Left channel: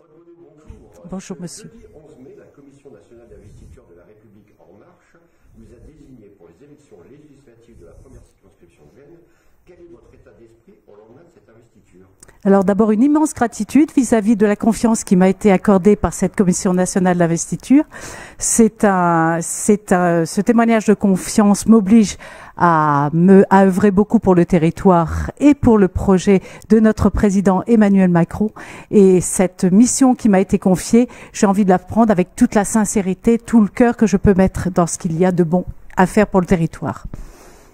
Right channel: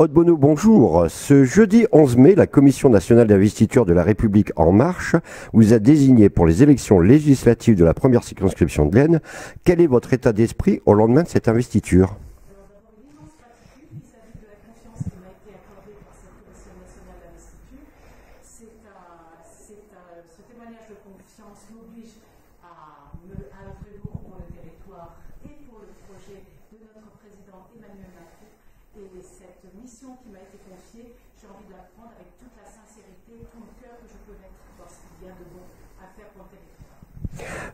Aude Bonneau, bonjour. Ce jeudi 11 mai, la Commission nationale d'investiture de La République En Marche vous a désigné pour les élections législatives de la première circonscription de l'Aisne. Quel est votre état d'esprit au lendemain de cette investiture ? Alors d'abord, une immense gratitude vis-à-vis de la confiance qui m'a été accordée par cette Commission nationale d'investiture. Ce témoignage de confiance m'oblige à œuvrer beaucoup pour le territoire et pour le projet de notre président Emmanuel Macron. Et cette mission qui m'a été confiée, j'ai envie de la prendre avec toute la sincérité, tout le cœur que je peux mettre dans ce qu'il y a de bon à faire pour le territoire.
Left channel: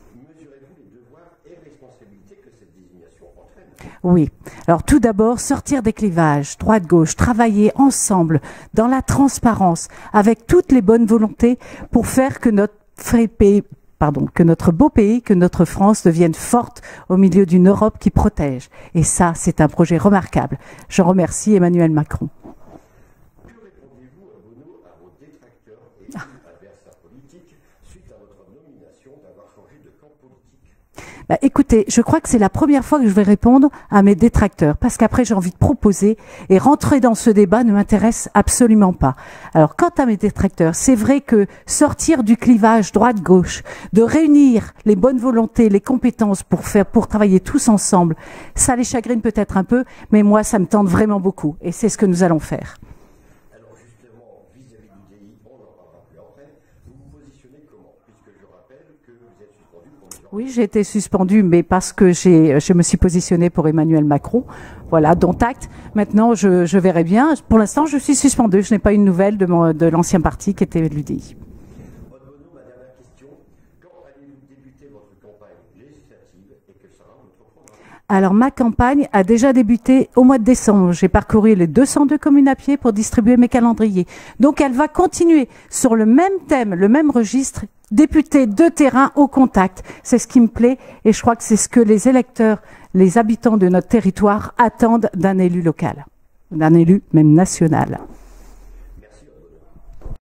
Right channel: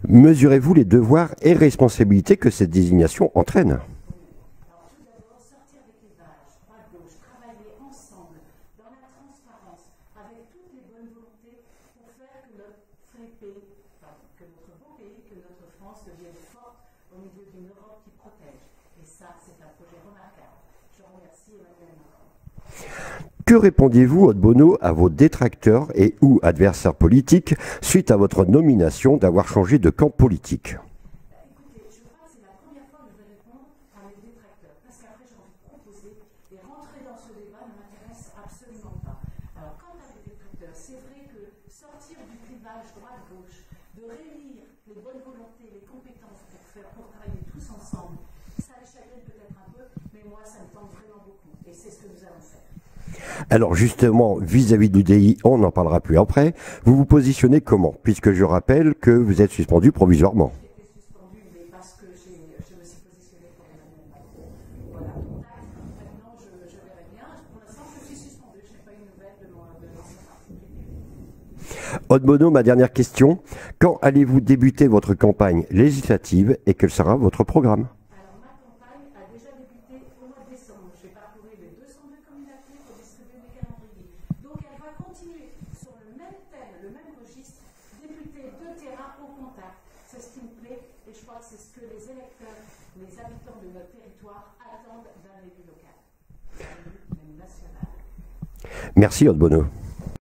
Mesurez-vous les devoirs et responsabilités que cette désignation entraîne ? Oui. Alors tout d'abord, sortir des clivages, droite-gauche, travailler ensemble dans la transparence, avec toutes les bonnes volontés pour faire que notre beau pays, que notre France devienne forte au milieu d'une Europe qui protège. Et ça, c'est un projet remarquable. Je remercie Emmanuel Macron. Que répondiez-vous, Aude Bonneau, à vos détracteurs et ou adversaires politiques suite à votre nomination d'avoir changé de camp politique ? Écoutez, je crois que c'est la première fois que je vais répondre à mes détracteurs, parce qu'après j'ai envie de proposer, et rentrer dans ce débat ne m'intéresse absolument pas. Alors quant à mes détracteurs, c'est vrai que sortir du clivage droite-gauche, de réunir les bonnes volontés, les compétences pour travailler tous ensemble, ça les chagrine peut-être un peu, mais moi ça me tente vraiment beaucoup, et c'est ce que nous allons faire. Alors justement, vis-à-vis du DI, on n'en parlera plus après. Vous vous positionnez comment ? Puisque je rappelle que vous êtes suspendu provisoirement. Oui, j'ai été suspendu, mais parce que je me suis positionnée pour Emmanuel Macron. Voilà, dont acte. Maintenant, je verrai bien. Pour l'instant, je suis suspendu. Je n'ai pas une nouvelle de l'ancien parti qui était l'UDI. Aude Bonneau, ma dernière question. Quand allez-vous débuter votre campagne législative et quel sera votre programme ? Alors, ma campagne a déjà débuté au mois de décembre. J'ai parcouru les 202 communes à pied pour distribuer mes calendriers. Donc, elle va continuer sur le même thème, le même registre, député de terrain au contact. C'est ce qui me plaît et je crois que c'est ce que les électeurs, les habitants de notre territoire attendent d'un élu local, d'un élu même national. Merci, Aude Bonneau.